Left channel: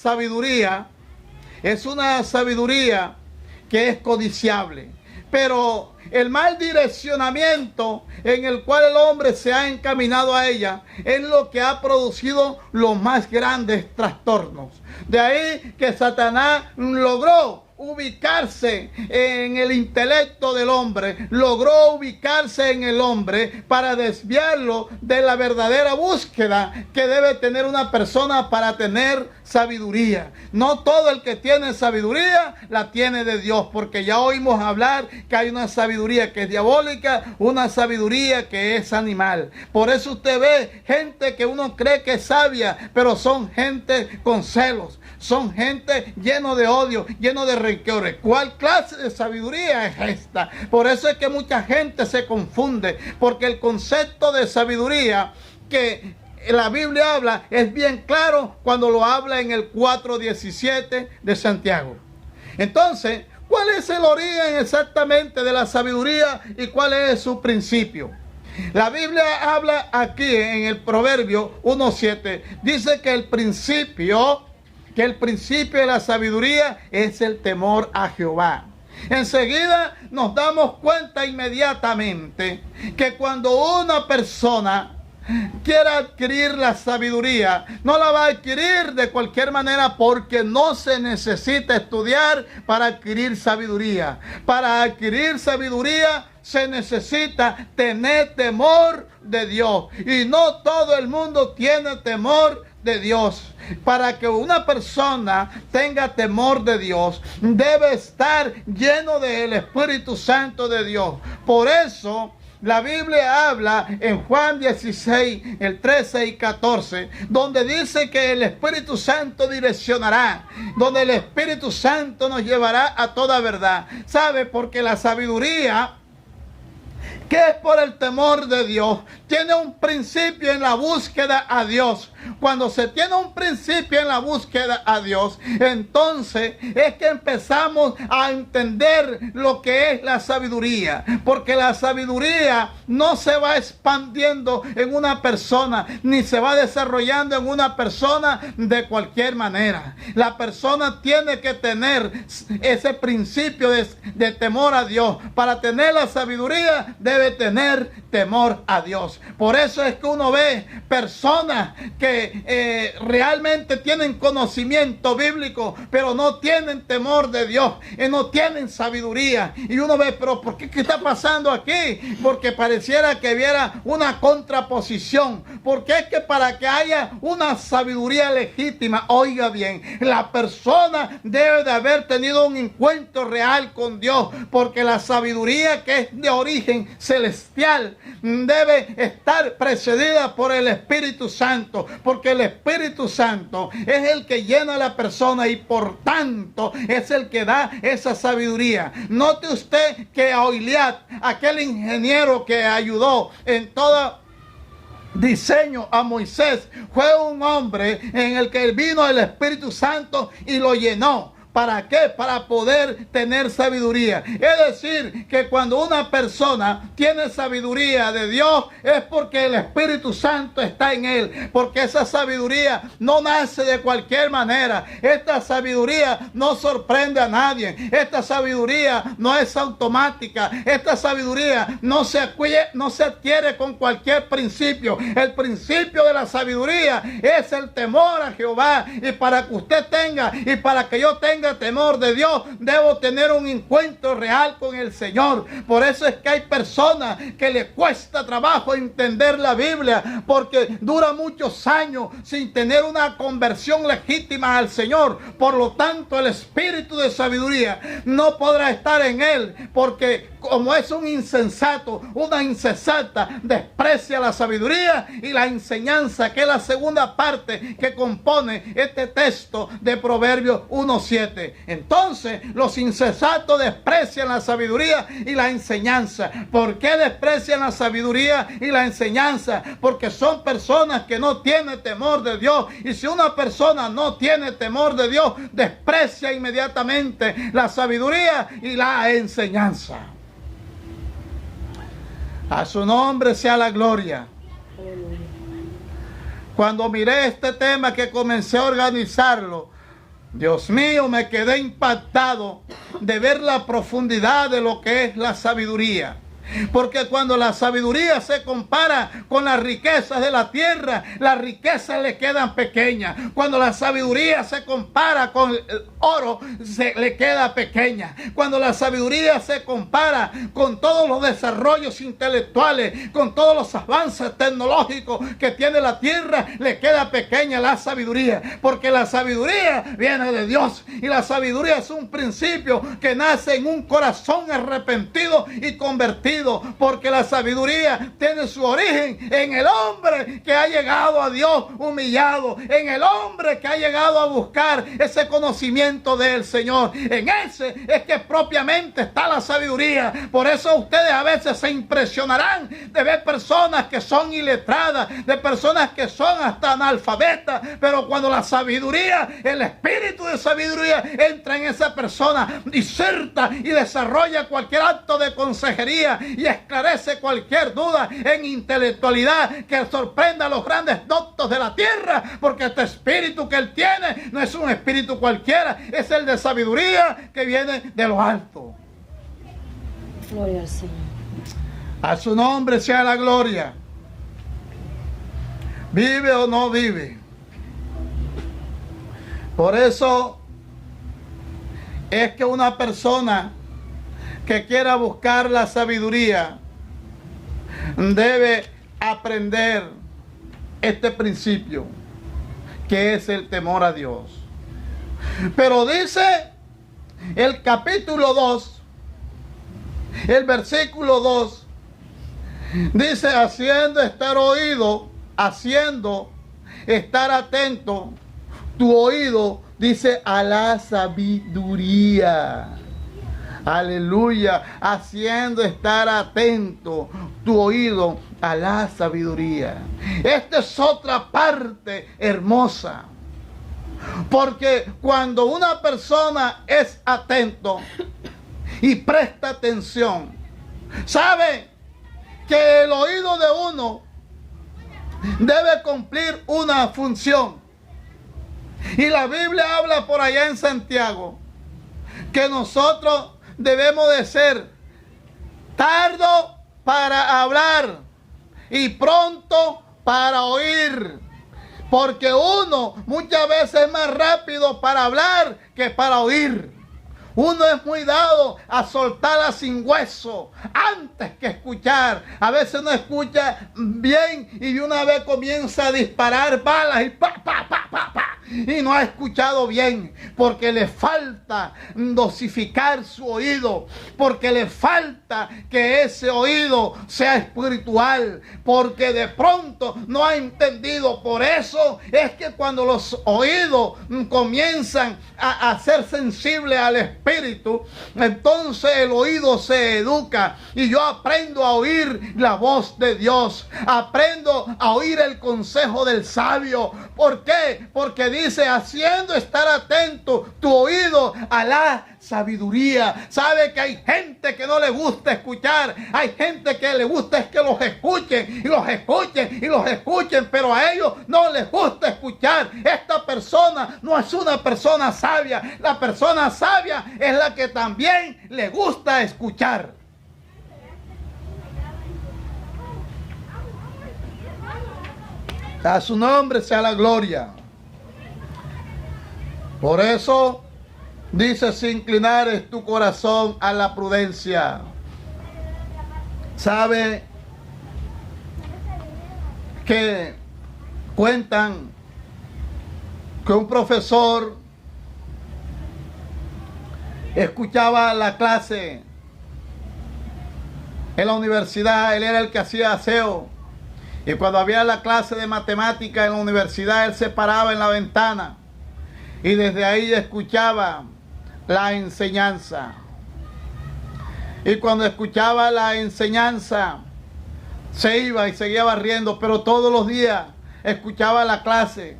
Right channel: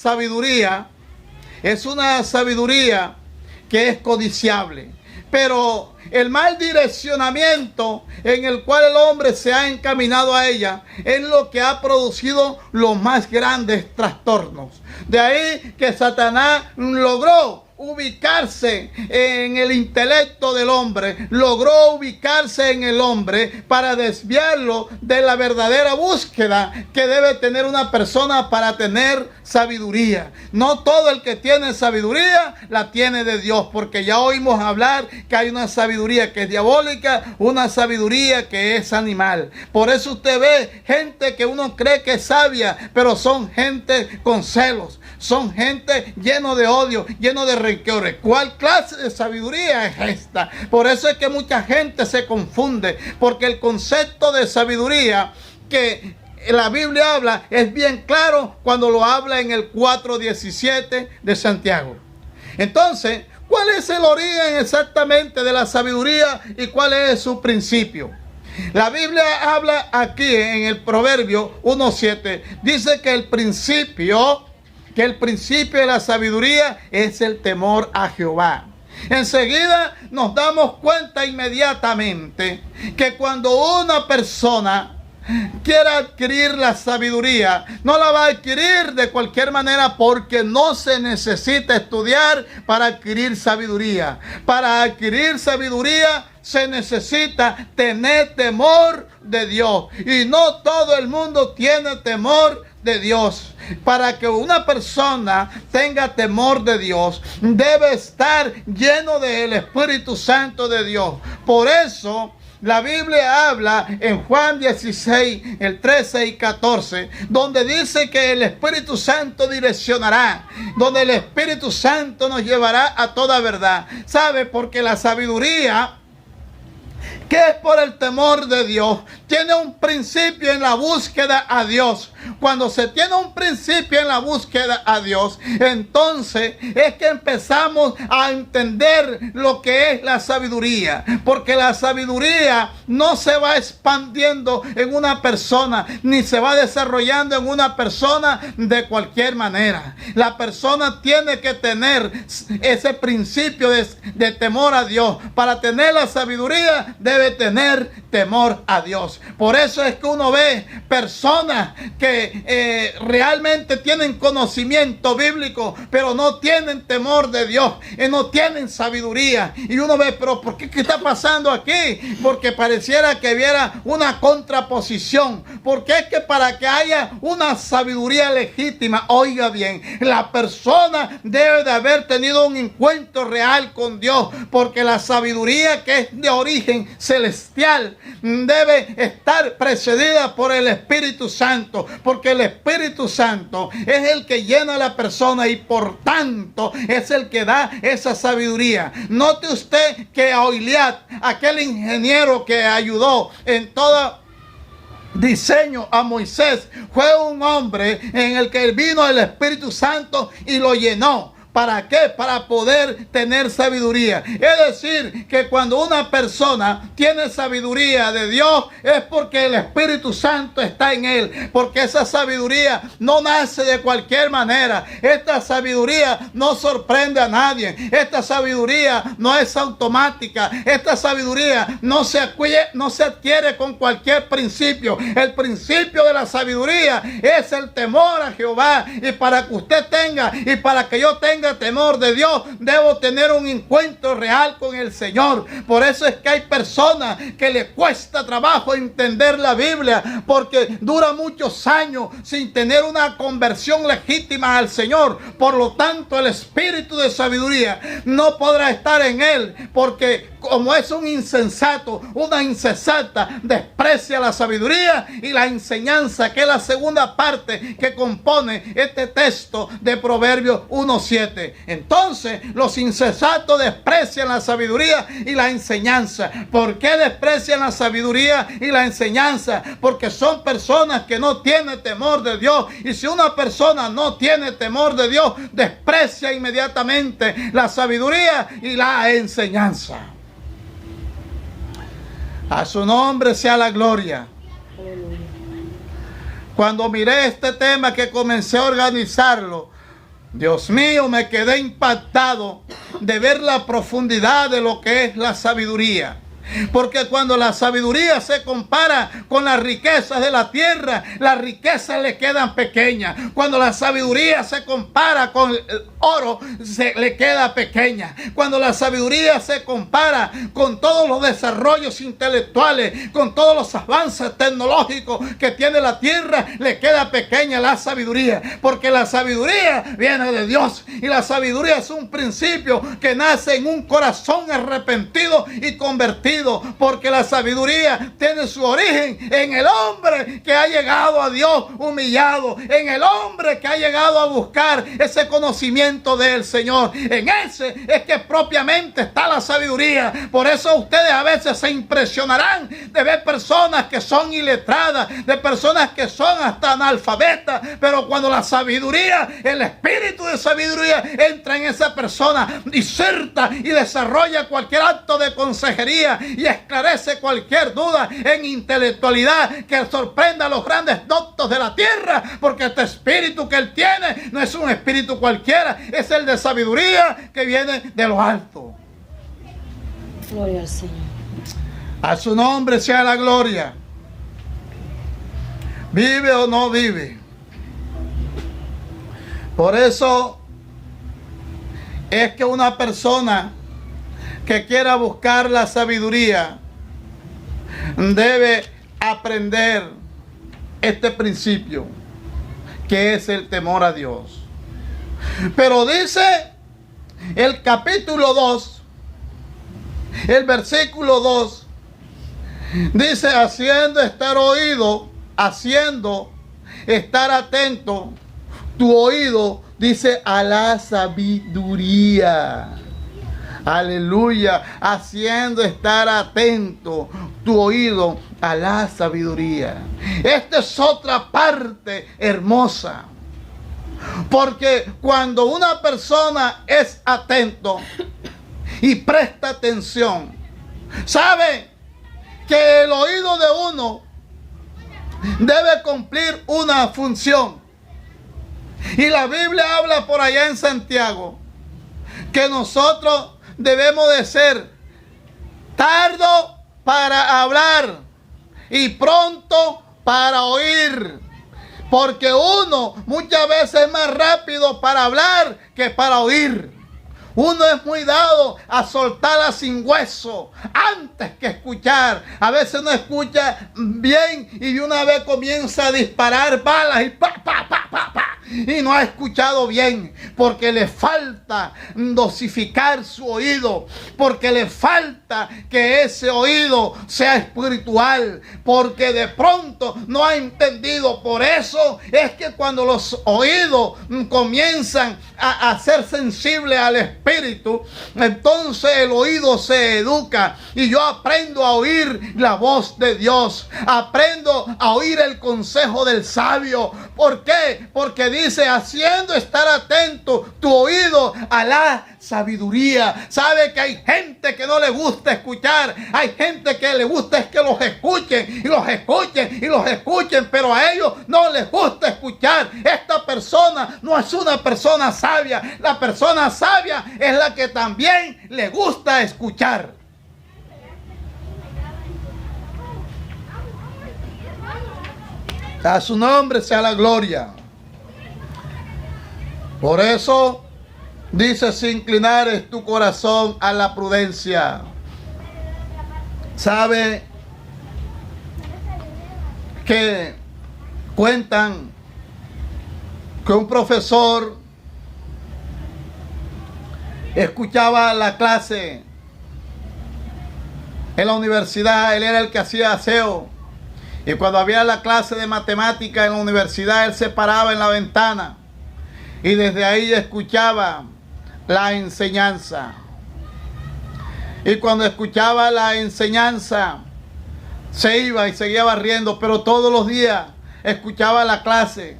sabiduría es una sabiduría que es codiciable, pero el mal direccionamiento en el cual el hombre se ha encaminado a ella es lo que ha producido los más grandes trastornos. De ahí que Satanás logró ubicarse en el intelecto del hombre, logró ubicarse en el hombre para desviarlo de la verdadera búsqueda que debe tener una persona para tener sabiduría. No todo el que tiene sabiduría la tiene de Dios, porque ya oímos hablar que hay una sabiduría que es diabólica, una sabiduría que es animal. Por eso usted ve gente que uno cree que es sabia, pero son gente con celos, son gente lleno de odio, lleno de rencores. ¿Cuál clase de sabiduría es esta? Por eso es que mucha gente se confunde, porque el concepto de sabiduría que la Biblia habla es bien claro cuando lo habla en el 4:17 de Santiago. Entonces, ¿cuál es el origen exactamente de la sabiduría y cuál es su principio? La Biblia habla aquí en el Proverbio 1:7, dice que el principio de la sabiduría es el temor a Jehová. Enseguida nos damos cuenta inmediatamente que cuando una persona quiera adquirir la sabiduría, no la va a adquirir de cualquier manera, porque no se necesita estudiar para adquirir sabiduría. Para adquirir sabiduría se necesita tener temor de Dios, y no todo el mundo tiene temor de Dios. Para que una persona tenga temor de Dios, debe estar lleno del Espíritu Santo de Dios. Por eso la Biblia habla en Juan 16, el 13 y 14, donde dice que el Espíritu Santo direccionará, donde el Espíritu Santo nos llevará a toda verdad. ¿Sabe? Porque la sabiduría, que es por el temor de Dios, tiene un principio en la búsqueda a Dios. Cuando se tiene un principio en la búsqueda a Dios, entonces es que empezamos a entender lo que es la sabiduría. Porque la sabiduría no se va expandiendo en una persona, ni se va desarrollando en una persona de cualquier manera. La persona tiene que tener ese principio de temor a Dios. Para tener la sabiduría debe tener temor a Dios. Por eso es que uno ve personas que realmente tienen conocimiento bíblico, pero no tienen temor de Dios, y no tienen sabiduría. Y uno ve, pero ¿por qué? ¿Qué está pasando aquí? Porque pareciera que hubiera una contraposición. Porque es que para que haya una sabiduría legítima, oiga bien, la persona debe de haber tenido un encuentro real con Dios, porque la sabiduría que es de origen celestial debe estar precedida por el Espíritu Santo, porque el Espíritu Santo es el que llena a la persona y por tanto es el que da esa sabiduría. Note usted que Oiliad, aquel ingeniero que ayudó en todo diseño a Moisés, fue un hombre en el que vino el Espíritu Santo y lo llenó. ¿Para qué? Para poder tener sabiduría. Es decir, que cuando una persona tiene sabiduría de Dios, es porque el Espíritu Santo está en él. Porque esa sabiduría no nace de cualquier manera. Esta sabiduría no sorprende a nadie. Esta sabiduría no es automática. Esta sabiduría no se adquiere con cualquier principio. El principio de la sabiduría es el temor a Jehová. Y para que usted tenga, y para que yo tenga temor de Dios, debo tener un encuentro real con el Señor. Por eso es que hay personas que les cuesta trabajo entender la Biblia, porque dura muchos años sin tener una conversión legítima al Señor. Por lo tanto, el espíritu de sabiduría no podrá estar en él, porque como es un insensato, una insensata, desprecia la sabiduría y la enseñanza, que es la segunda parte que compone este texto de Proverbios 1:7. Entonces, los insensatos desprecian la sabiduría y la enseñanza. ¿Por qué desprecian la sabiduría y la enseñanza? Porque son personas que no tienen temor de Dios. Y si una persona no tiene temor de Dios, desprecia inmediatamente la sabiduría y la enseñanza. A su nombre sea la gloria. Cuando miré este tema, que comencé a organizarlo, Dios mío, me quedé impactado de ver la profundidad de lo que es la sabiduría. Porque cuando la sabiduría se compara con las riquezas de la tierra, las riquezas le quedan pequeñas. Cuando la sabiduría se compara con el oro, se le queda pequeña. Cuando la sabiduría se compara con todos los desarrollos intelectuales, con todos los avances tecnológicos que tiene la tierra, le queda pequeña la sabiduría. Porque la sabiduría viene de Dios. Y la sabiduría es un principio que nace en un corazón arrepentido y convertido. Porque la sabiduría tiene su origen en el hombre que ha llegado a Dios humillado, en el hombre que ha llegado a buscar ese conocimiento del Señor. En ese es que propiamente está la sabiduría. Por eso ustedes a veces se impresionarán de ver personas que son iletradas, de personas que son hasta analfabetas, pero cuando la sabiduría, el espíritu de sabiduría entra en esa persona, diserta y desarrolla cualquier acto de consejería y esclarece cualquier duda en intelectualidad que sorprenda a los grandes doctos de la tierra, porque este espíritu que él tiene no es un espíritu cualquiera, es el de sabiduría que viene de lo alto. Gloria al Señor. A su nombre sea la gloria. ¿Vive o no vive? Por eso es que una persona que quiera buscar la sabiduría debe aprender este principio, que es el temor a Dios. Pero dice el capítulo 2, el versículo 2, dice: haciendo estar atento tu oído, dice, a la sabiduría. Aleluya, haciendo estar atento tu oído a la sabiduría. Esta es otra parte hermosa. Porque cuando una persona es atento y presta atención, sabe que el oído de uno debe cumplir una función. Y la Biblia habla por allá en Santiago que nosotros debemos de ser tardo para hablar y pronto para oír. Porque uno muchas veces es más rápido para hablar que para oír. Uno es muy dado a soltarla sin hueso antes que escuchar. A veces no escucha bien y de una vez comienza a disparar balas y pa, pa, pa, pa, pa. Y no ha escuchado bien porque le falta dosificar su oído, porque le falta que ese oído sea espiritual, porque de pronto no ha entendido. Por eso es que cuando los oídos comienzan a ser sensibles al espíritu, entonces el oído se educa y yo aprendo a oír la voz de Dios, aprendo a oír el consejo del sabio. ¿Por qué? Porque dice: haciendo estar atento tu oído a la sabiduría. Sabe que hay gente que no le gusta escuchar, hay gente que le gusta es que los escuchen y los escuchen y los escuchen, pero a ellos no les gusta escuchar. Esta persona no es una persona sabia. La persona sabia es la que también le gusta escuchar. A su nombre sea la gloria. Por eso dice: si inclinares tu corazón a la prudencia. ¿Sabe que cuentan que un profesor escuchaba la clase en la universidad? Él era el que hacía aseo. Y cuando había la clase de matemática en la universidad, él se paraba en la ventana y desde ahí escuchaba la enseñanza. Y cuando escuchaba la enseñanza, se iba y seguía barriendo, pero todos los días escuchaba la clase.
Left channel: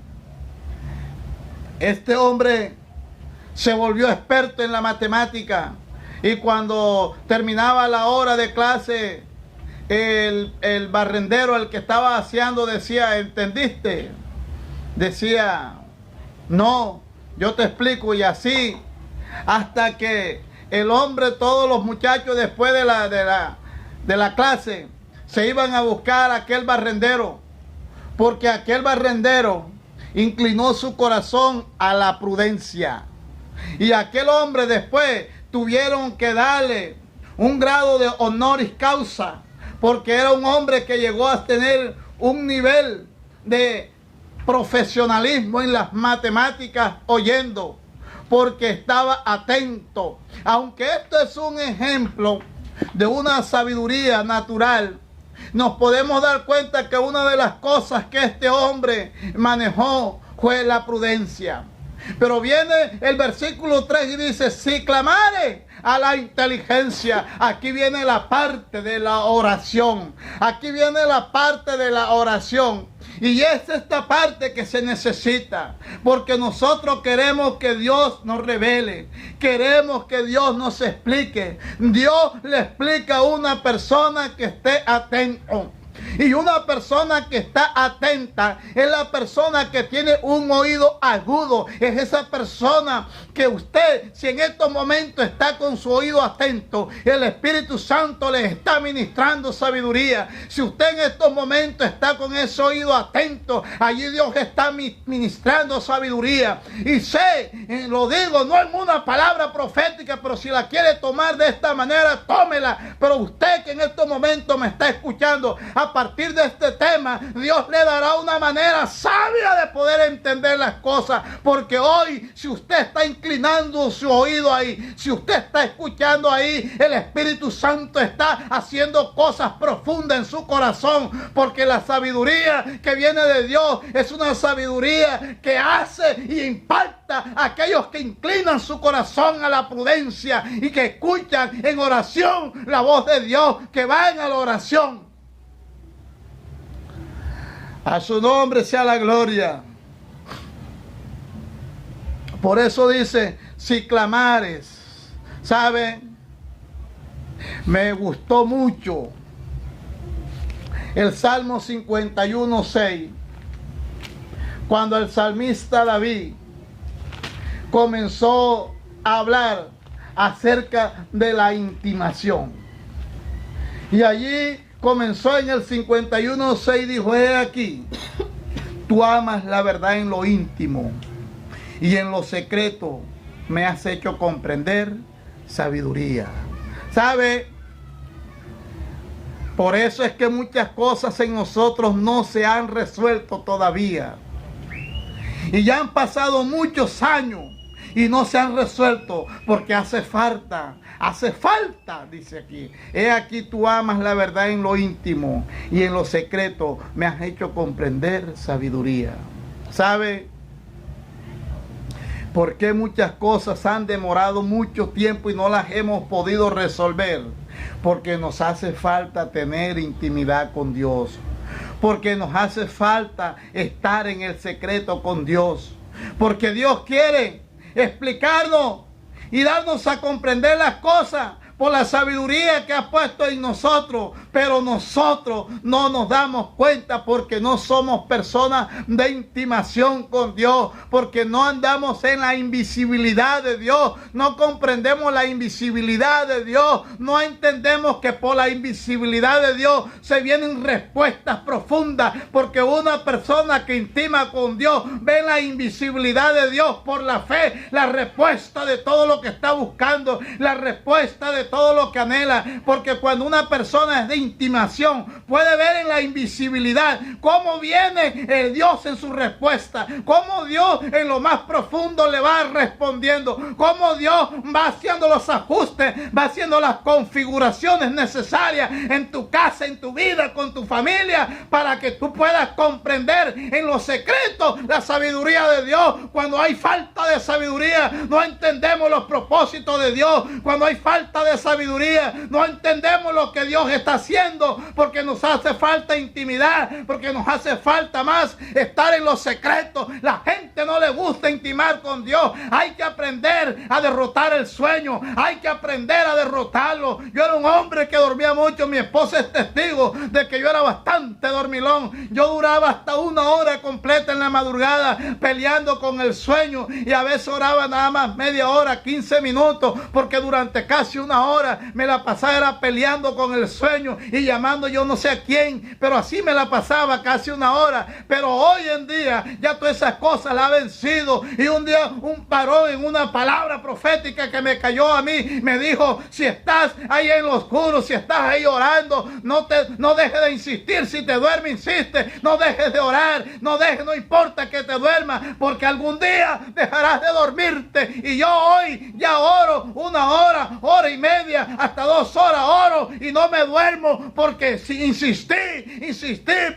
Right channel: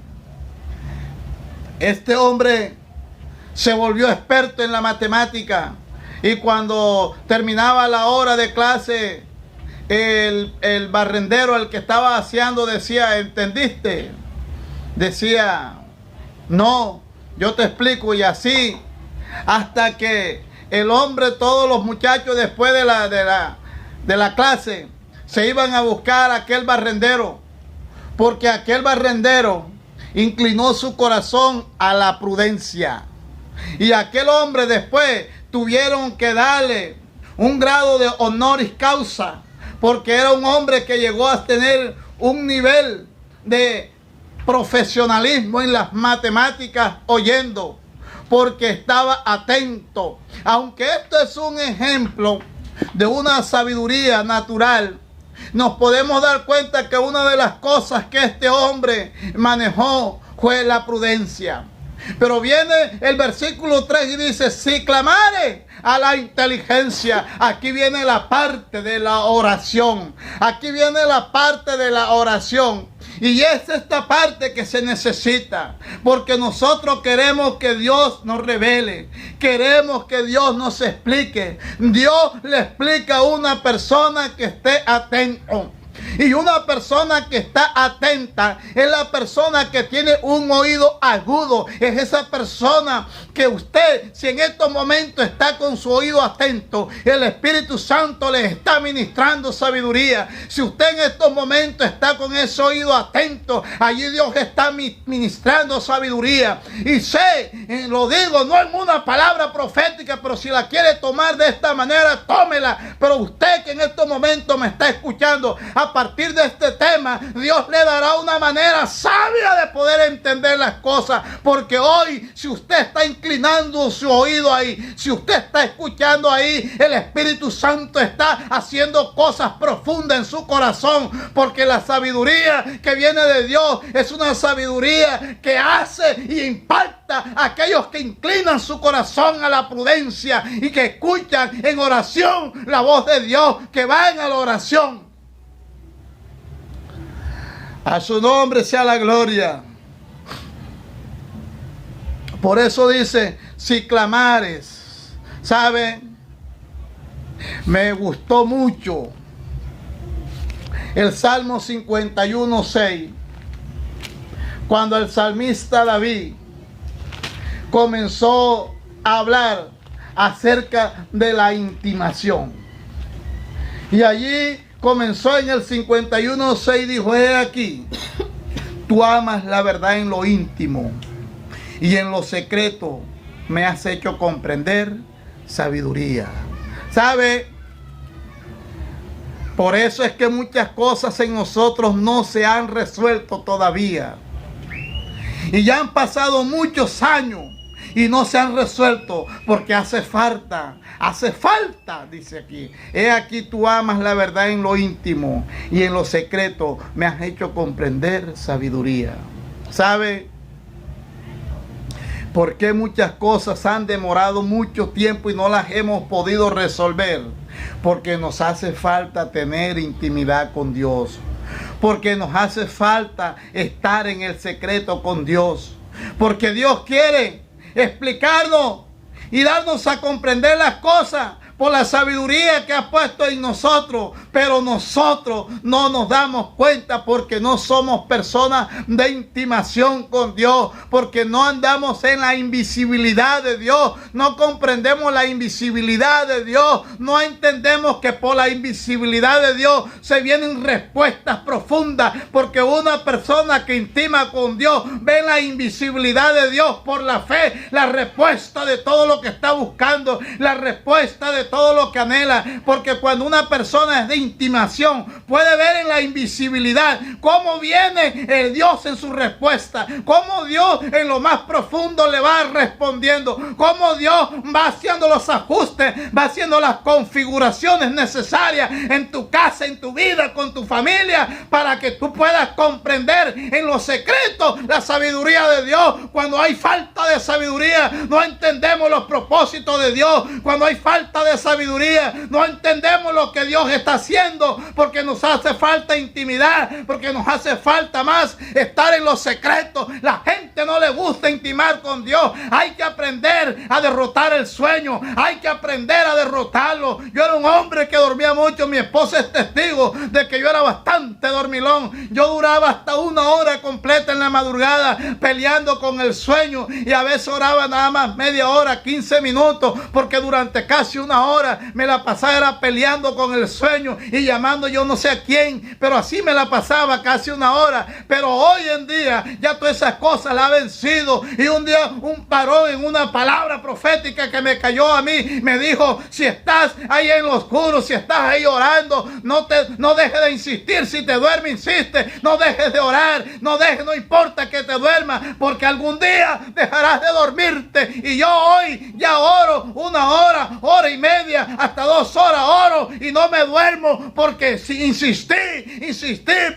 Este hombre se volvió experto en la matemática y cuando terminaba la hora de clase, el barrendero, el que estaba haciendo, decía: ¿entendiste? Decía: no, yo te explico, y así hasta que el hombre, todos los muchachos después de la clase se iban a buscar a aquel barrendero, porque aquel barrendero inclinó su corazón a la prudencia. Y aquel hombre después tuvieron que darle un grado de honoris causa, porque era un hombre que llegó a tener un nivel de profesionalismo en las matemáticas oyendo, porque estaba atento. Aunque esto es un ejemplo de una sabiduría natural, nos podemos dar cuenta que una de las cosas que este hombre manejó fue la prudencia. Pero viene el versículo 3 y dice, si clamare a la inteligencia. Aquí viene la parte de la oración. Aquí viene la parte de la oración. Y es esta parte que se necesita, porque nosotros queremos que Dios nos revele, queremos que Dios nos explique. Dios le explica a una persona que esté atento. Y una persona que está atenta es la persona que tiene un oído agudo. Es esa persona que usted, si en estos momentos está con su oído atento, el Espíritu Santo le está ministrando sabiduría. Si usted en estos momentos está con ese oído atento, allí Dios está ministrando sabiduría. Y sé, lo digo, no es una palabra profética, pero si la quiere tomar de esta manera, tómela. Pero usted que en estos momentos me está escuchando, a partir de este tema, Dios le dará una manera sabia de poder entender las cosas, porque hoy, si usted está inclinando su oído ahí, si usted está escuchando ahí, el Espíritu Santo está haciendo cosas profundas en su corazón, porque la sabiduría que viene de Dios es una sabiduría que hace y impacta a aquellos que inclinan su corazón a la prudencia y que escuchan en oración la voz de Dios, que van a la oración. A su nombre sea la gloria. Por eso dice, si clamares. ¿Sabe? Me gustó mucho el Salmo 51:6. Cuando el salmista David comenzó a hablar acerca de la intimación. Y allí comenzó en el 51:6, dijo, he aquí, tú amas la verdad en lo íntimo y en lo secreto me has hecho comprender sabiduría. ¿Sabe? Por eso es que muchas cosas en nosotros no se han resuelto todavía. Y ya han pasado muchos años y no se han resuelto porque hace falta, dice aquí. He aquí tú amas la verdad en lo íntimo y en lo secreto me has hecho comprender sabiduría. ¿Sabe por qué muchas cosas han demorado mucho tiempo y no las hemos podido resolver? Porque nos hace falta tener intimidad con Dios. Porque nos hace falta estar en el secreto con Dios. Porque Dios quiere explicarnos y darnos a comprender las cosas por la sabiduría que ha puesto en nosotros, pero nosotros no nos damos cuenta porque no somos personas de intimación con Dios, porque no andamos en la invisibilidad de Dios, no comprendemos la invisibilidad de Dios, no entendemos que por la invisibilidad de Dios se vienen respuestas profundas, porque una persona que intima con Dios ve la invisibilidad de Dios por la fe, la respuesta de todo lo que está buscando, la respuesta de todo lo que anhela, porque cuando una persona es de intimación puede ver en la invisibilidad cómo viene el Dios en su respuesta, cómo Dios en lo más profundo le va respondiendo, cómo Dios va haciendo los ajustes, va haciendo las configuraciones necesarias en tu casa, en tu vida, con tu familia, para que tú puedas comprender en lo secreto la sabiduría de Dios. Cuando hay falta de sabiduría, no entendemos los propósitos de Dios. Cuando hay falta de sabiduría, no entendemos lo que Dios está haciendo, porque nos hace falta intimidad, porque nos hace falta más estar en los secretos. La gente no le gusta intimar con Dios. Hay que aprender a derrotar el sueño, hay que aprender a derrotarlo. Yo era un hombre que dormía mucho, mi esposa es testigo de que yo era bastante dormilón. Yo duraba hasta 1 hora completa en la madrugada peleando con el sueño, y a veces oraba nada más media hora, 15 minutos, porque durante casi una hora me la pasaba era peleando con el sueño y llamando yo no sé a quién, pero así me la pasaba casi una hora. Pero hoy en día ya todas esas cosas las ha vencido, y un día un varón en una palabra profética que me cayó a mí me dijo: si estás ahí en lo oscuro, si estás ahí orando, no dejes de insistir. Si te duermes, insiste, no dejes de orar, no importa que te duermas, porque algún día dejarás de dormirte. Y yo hoy ya oro una hora, hora y media, hasta 2 horas oro y no me duermo, porque si insistí,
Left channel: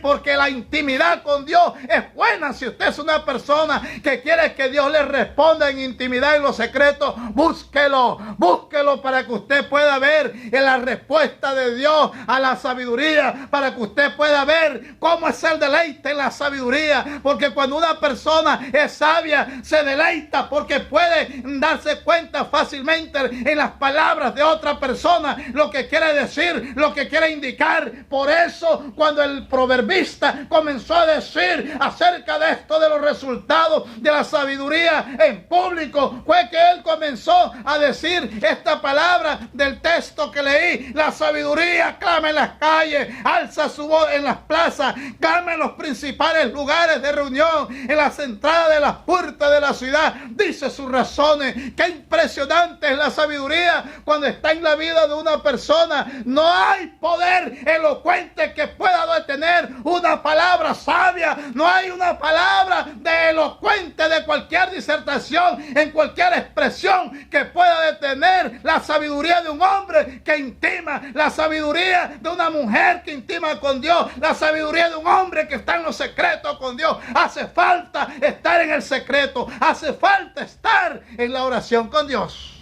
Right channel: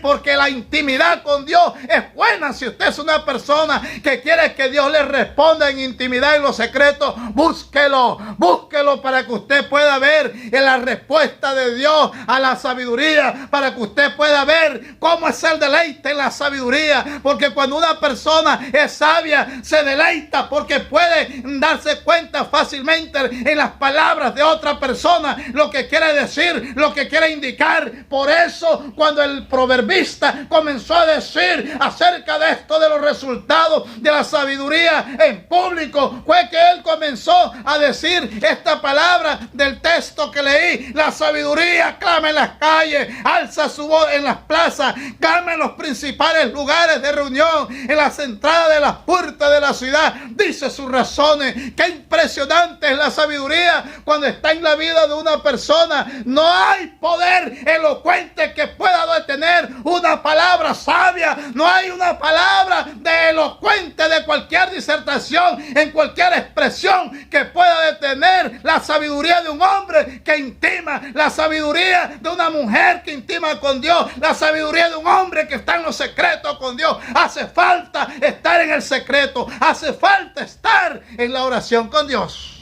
porque la intimidad con Dios es buena. Si usted es una persona que quiere que Dios le responda en intimidad, en los secretos, búsquelo para que usted pueda ver en la respuesta de Dios a la sabiduría, para que usted pueda ver cómo es el deleite en la sabiduría, porque cuando una persona es sabia, se deleita porque puede darse cuenta fácilmente en las palabras de otra persona lo que quiere decir, lo que quiere indicar. Por eso cuando el proverbista comenzó a decir acerca de esto, de los resultados de la sabiduría en público, fue que él comenzó a decir esta palabra del texto que leí: la sabiduría clama en las calles, alza su voz en las plazas, clama en los principales lugares de reunión, en las entradas de las puertas de la ciudad, dice sus razones. Qué impresionante es la sabiduría cuando está en la vida de una persona. No hay poder elocuente que pueda detener una palabra sabia. No hay una palabra de elocuente de cualquier disertación, en cualquier expresión, que pueda detener la sabiduría de un hombre que intima, la sabiduría de una mujer que intima con Dios, la sabiduría de un hombre que está en los secretos con Dios. Hace falta estar en el secreto, hace falta estar en la oración con Dios.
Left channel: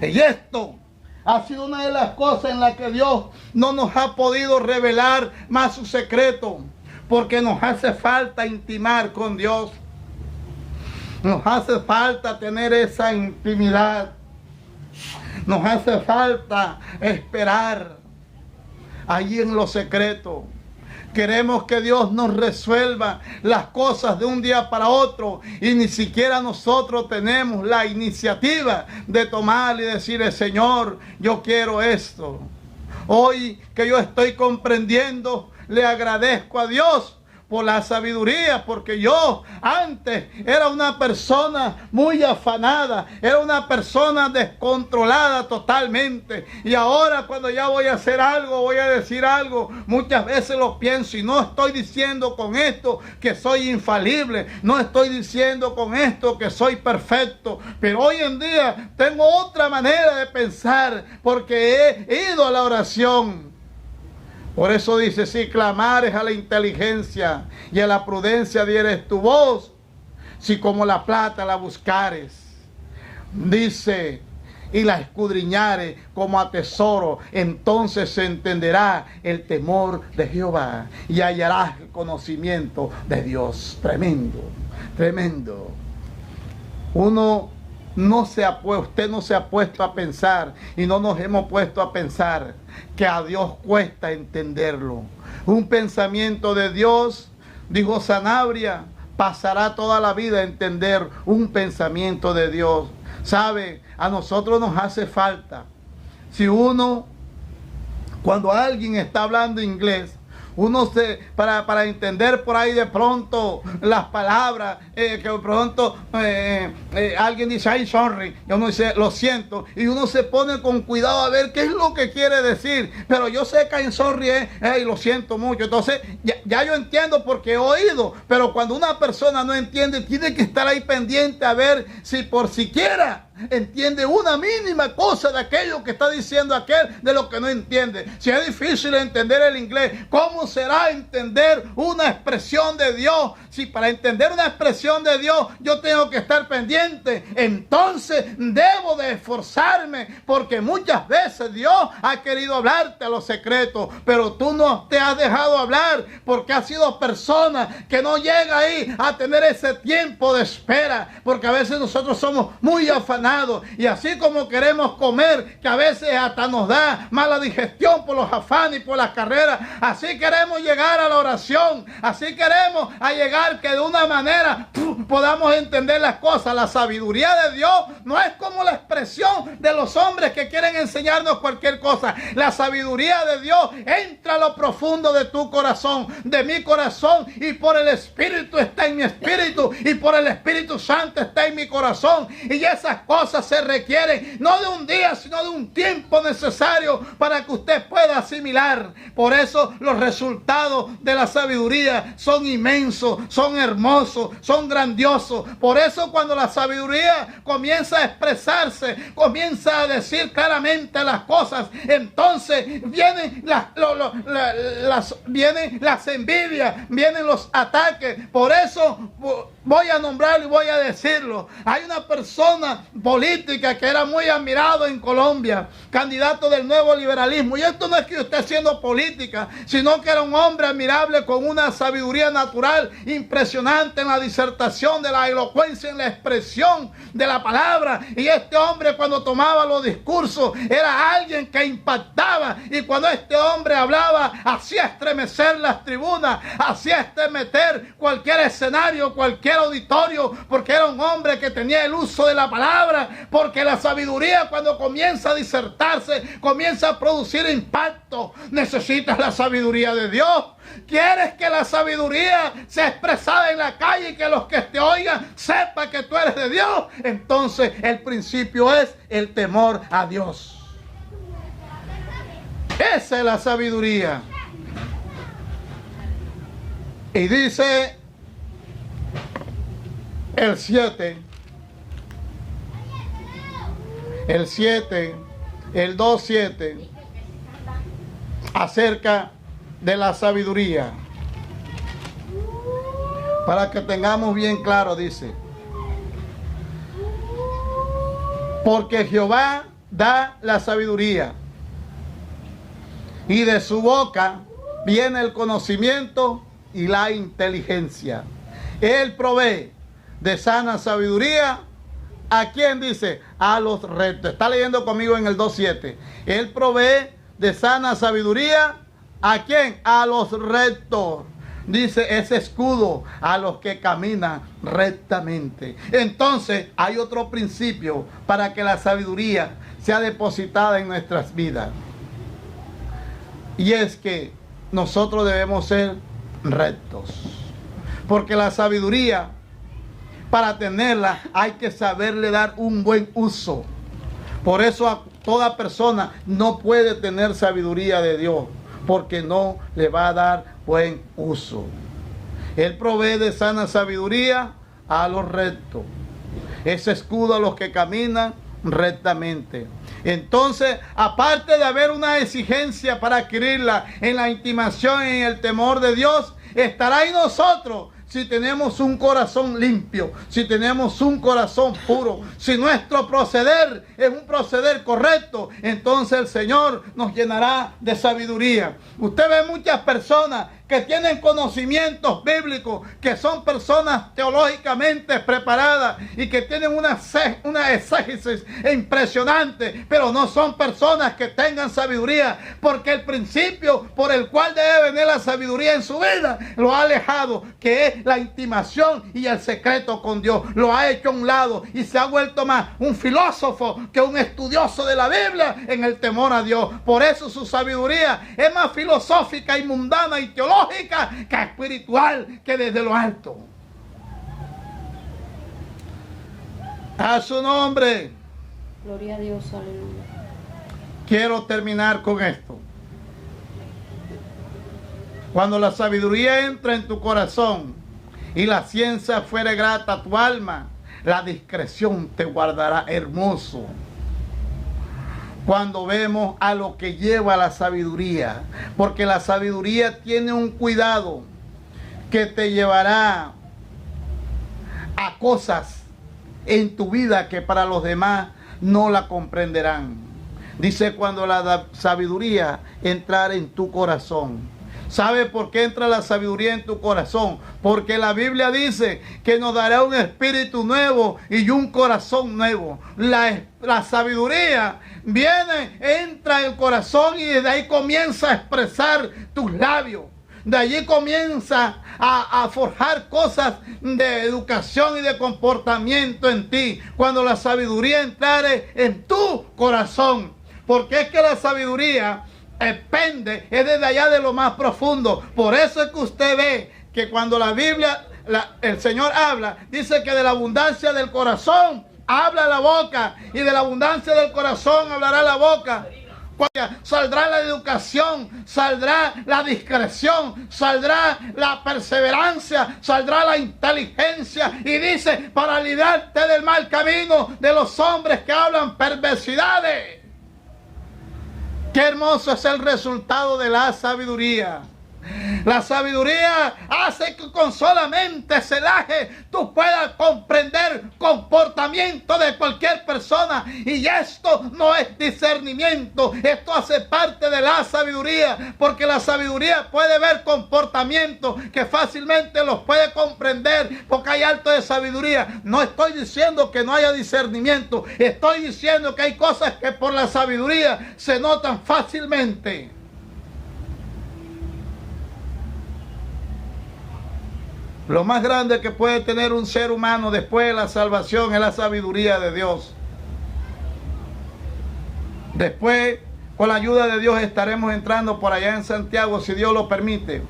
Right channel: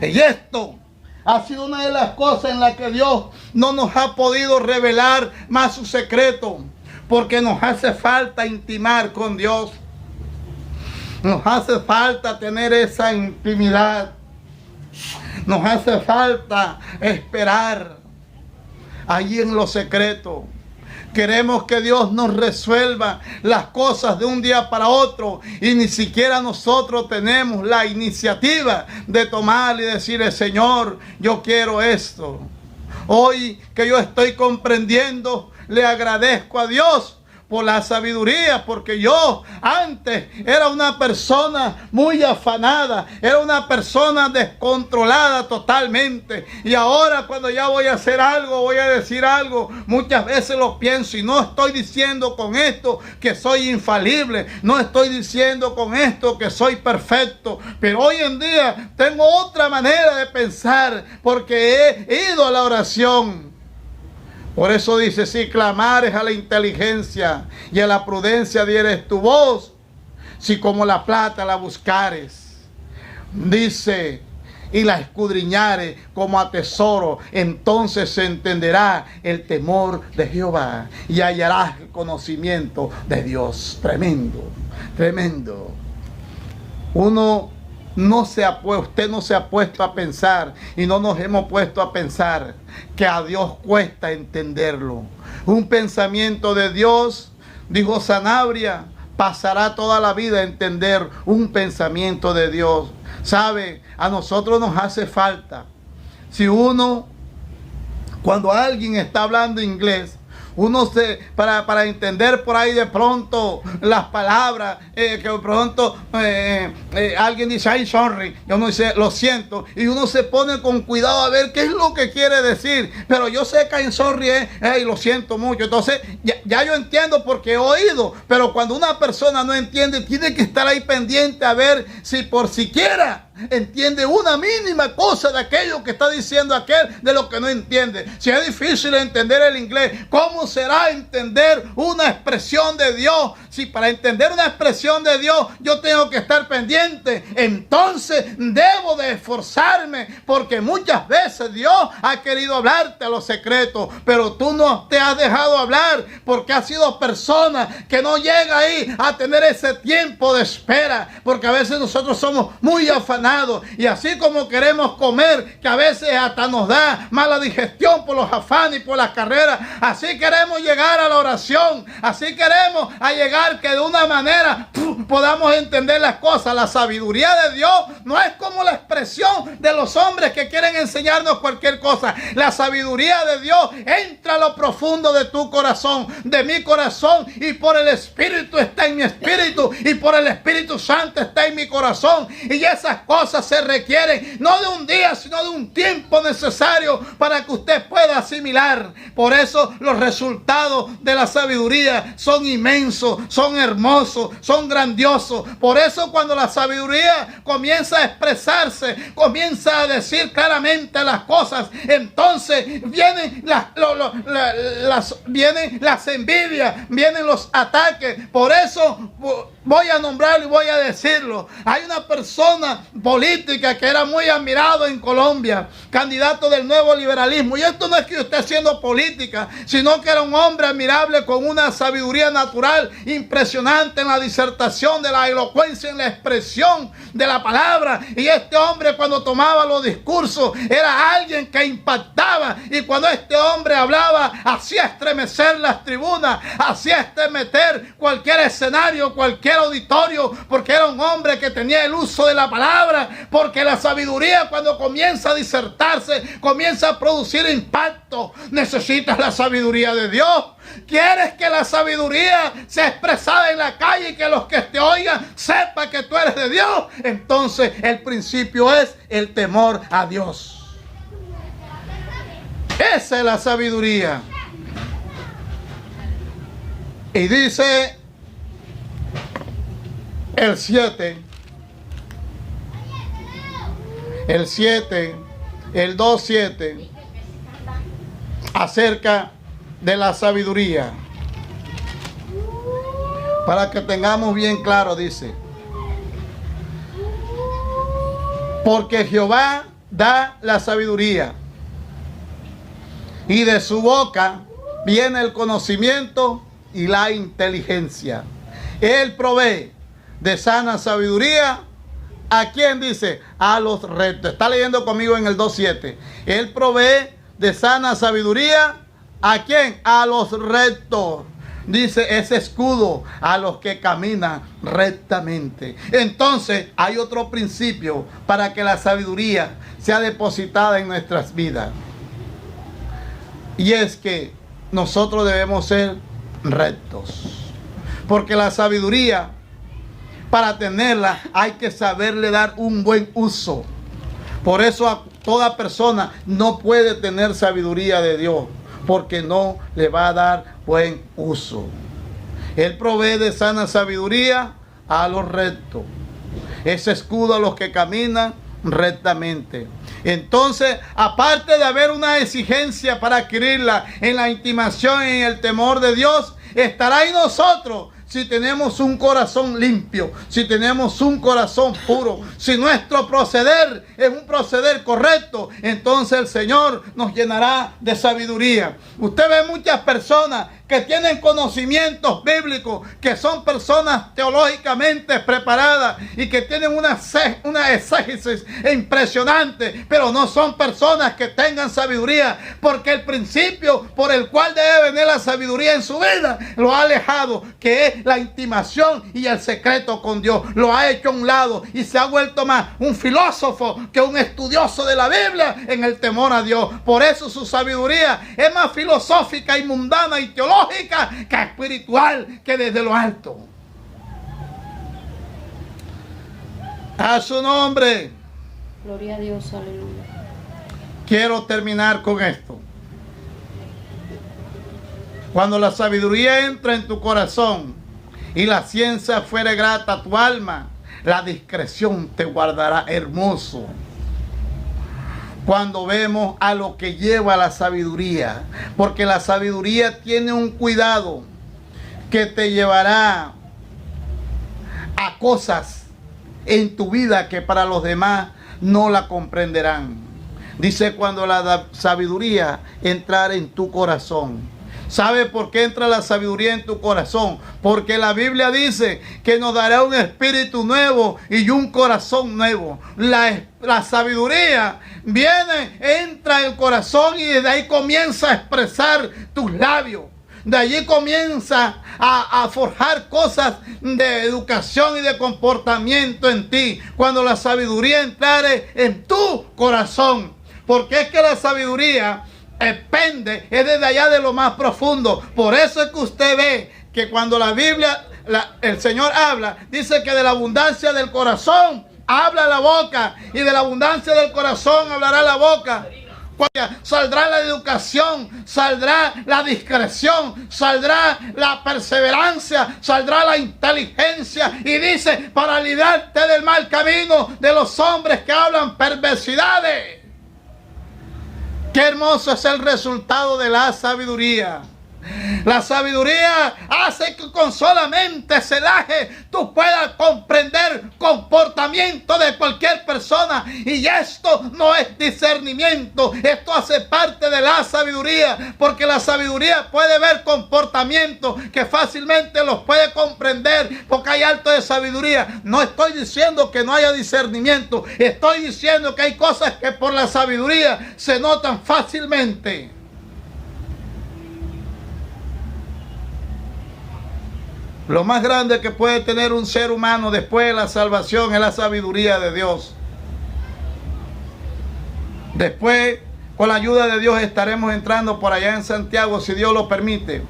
Y esto ha sido una de las cosas en las que Dios no nos ha podido revelar más su secreto, porque nos hace falta intimar con Dios. Nos hace falta tener esa intimidad. Nos hace falta esperar allí en lo secreto. Queremos que Dios nos resuelva las cosas de un día para otro, y ni siquiera nosotros tenemos la iniciativa de tomar y decirle: Señor, yo quiero esto. Hoy que yo estoy comprendiendo, le agradezco a Dios por la sabiduría, porque yo antes era una persona muy afanada, era una persona descontrolada totalmente, y ahora cuando ya voy a hacer algo, voy a decir algo, muchas veces lo pienso, y no estoy diciendo con esto que soy infalible, no estoy diciendo con esto que soy perfecto, pero hoy en día tengo otra manera de pensar, porque he ido a la oración. Por eso dice: si clamares a la inteligencia y a la prudencia dieres tu voz, si como la plata la buscares, dice, y la escudriñares como a tesoro, entonces se entenderá el temor de Jehová y hallarás el conocimiento de Dios. Tremendo, tremendo. Usted no se ha puesto a pensar, y no nos hemos puesto a pensar, que a Dios cuesta entenderlo. Un pensamiento de Dios, dijo Sanabria, pasará toda la vida a entender un pensamiento de Dios. ¿Sabe? A nosotros nos hace falta. Cuando alguien está hablando inglés, para entender por ahí de pronto las palabras, que de pronto alguien dice: "I'm sorry", y uno dice: "lo siento", y uno se pone con cuidado a ver qué es lo que quiere decir, pero yo sé que I'm sorry es lo siento mucho. Entonces ya yo entiendo porque he oído, pero cuando una persona no entiende, tiene que estar ahí pendiente a ver si por siquiera entiende una mínima cosa de aquello que está diciendo aquel, de lo que no entiende. Si es difícil entender el inglés, ¿cómo será entender una expresión de Dios? Si para entender una expresión de Dios yo tengo que estar pendiente, entonces debo de esforzarme, porque muchas veces Dios ha querido hablarte a los secretos, pero tú no te has dejado hablar, porque has sido persona que no llega ahí a tener ese tiempo de espera, porque a veces nosotros somos muy afanados sanado. Y así como queremos comer, que a veces hasta nos da mala digestión por los afanes y por las carreras, así queremos llegar a la oración, así queremos llegar que de una manera podamos entender las cosas. La sabiduría de Dios no es como la expresión de los hombres que quieren enseñarnos cualquier cosa. La sabiduría de Dios entra a lo profundo de tu corazón, de mi corazón, y por el Espíritu está en mi espíritu, y por el Espíritu Santo está en mi corazón. Y esas cosas se requieren no de un día, sino de un tiempo necesario para que usted pueda asimilar. Por eso los resultados de la sabiduría son inmensos, son hermosos, son grandiosos. Por eso cuando la sabiduría comienza a expresarse, comienza a decir claramente las cosas, entonces vienen vienen las envidias, vienen los ataques. Por eso voy a nombrarlo y voy a decirlo. Hay una persona política que era muy admirado en Colombia, candidato del nuevo liberalismo. Y esto no es que yo esté haciendo política, sino que era un hombre admirable con una sabiduría natural impresionante en la disertación, de la elocuencia, en la expresión de la palabra. Y este hombre, cuando tomaba los discursos, era alguien que impactaba. Y cuando este hombre hablaba, hacía estremecer las tribunas, hacía estremecer cualquier escenario, cualquier auditorio, porque era un hombre que tenía el uso de la palabra. Porque la sabiduría, cuando comienza a disertarse, comienza a producir impacto. Necesitas la sabiduría de Dios. ¿Quieres que la sabiduría sea expresada en la calle y que los que te oigan sepan que tú eres de Dios? Entonces el principio es el temor a Dios. Esa es la sabiduría. Y dice el 7, el 2:7, acerca de la sabiduría. Para que tengamos bien claro, dice: porque Jehová da la sabiduría, y de su boca viene el conocimiento y la inteligencia. Él provee de sana sabiduría. ¿A quién dice? A los rectos. Está leyendo conmigo en el 2:7. Él provee de sana sabiduría. ¿A quién? A los rectos. Dice, ese escudo a los que caminan rectamente. Entonces hay otro principio para que la sabiduría sea depositada en nuestras vidas. Y es que nosotros debemos ser rectos. Porque la sabiduría, para tenerla, hay que saberle dar un buen uso. Por eso a toda persona no puede tener sabiduría de Dios, porque no le va a dar buen uso. Él provee de sana sabiduría a los rectos. Ese escudo a los que caminan rectamente. Entonces, aparte de haber una exigencia para adquirirla en la intimación y en el temor de Dios, estará en nosotros si tenemos un corazón limpio, si tenemos un corazón puro, si nuestro proceder es un proceder correcto, entonces el Señor nos llenará de sabiduría. Usted ve muchas personas que tienen conocimientos bíblicos, que son personas teológicamente preparadas y que tienen una exégesis impresionante, pero no son personas que tengan sabiduría, porque el principio por el cual debe venir la sabiduría en su vida lo ha alejado, que es la intimación y el secreto con Dios. Lo ha hecho a un lado y se ha vuelto más un filósofo que un estudioso de la Biblia en el temor a Dios. Por eso su sabiduría es más filosófica y mundana y teológica que espiritual, que desde lo alto. A su nombre. Gloria a Dios, aleluya. Quiero terminar con esto. Cuando la sabiduría entra en tu corazón y la ciencia fuere grata a tu alma, la discreción te guardará hermoso. Cuando vemos a lo que lleva la sabiduría, porque la sabiduría tiene un cuidado que te llevará a cosas en tu vida que para los demás no la comprenderán. Dice, cuando la sabiduría entrar en tu corazón. ¿Sabe por qué entra la sabiduría en tu corazón? Porque la Biblia dice que nos dará un espíritu nuevo y un corazón nuevo. La sabiduría viene, entra en el corazón y desde ahí comienza a expresar tus labios. De allí comienza a forjar cosas de educación y de comportamiento en ti. Cuando la sabiduría entrare en tu corazón. Porque es que la sabiduría depende, es desde allá de lo más profundo. Por eso es que usted ve que cuando la Biblia, el Señor habla, dice que de la abundancia del corazón habla la boca, y de la abundancia del corazón hablará la boca. Saldrá la educación, saldrá la discreción, saldrá la perseverancia, saldrá la inteligencia. Y dice, para librarte del mal camino de los hombres que hablan perversidades. Qué hermoso es el resultado de la sabiduría. La sabiduría hace que con solamente celaje tú puedas comprender comportamiento de cualquier persona. Y esto no es discernimiento, esto hace parte de la sabiduría. Porque la sabiduría puede ver comportamientos que fácilmente los puede comprender, porque hay alto de sabiduría. No estoy diciendo que no haya discernimiento, estoy diciendo que hay cosas que por la sabiduría se notan fácilmente. Lo más grande que puede tener un ser humano después de la salvación es la sabiduría de Dios. Después, con la ayuda de Dios, estaremos entrando por allá en Santiago, si Dios lo permite,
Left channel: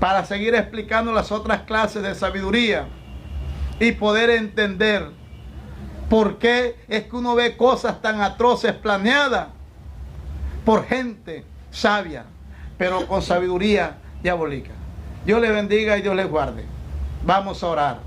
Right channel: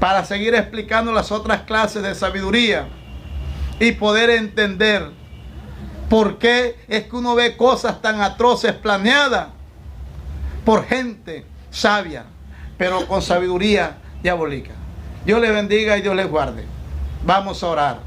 para seguir explicando las otras clases de sabiduría y poder entender por qué es que uno ve cosas tan atroces planeadas por gente sabia, pero con sabiduría diabólica. Dios les bendiga y Dios les guarde. Vamos a orar.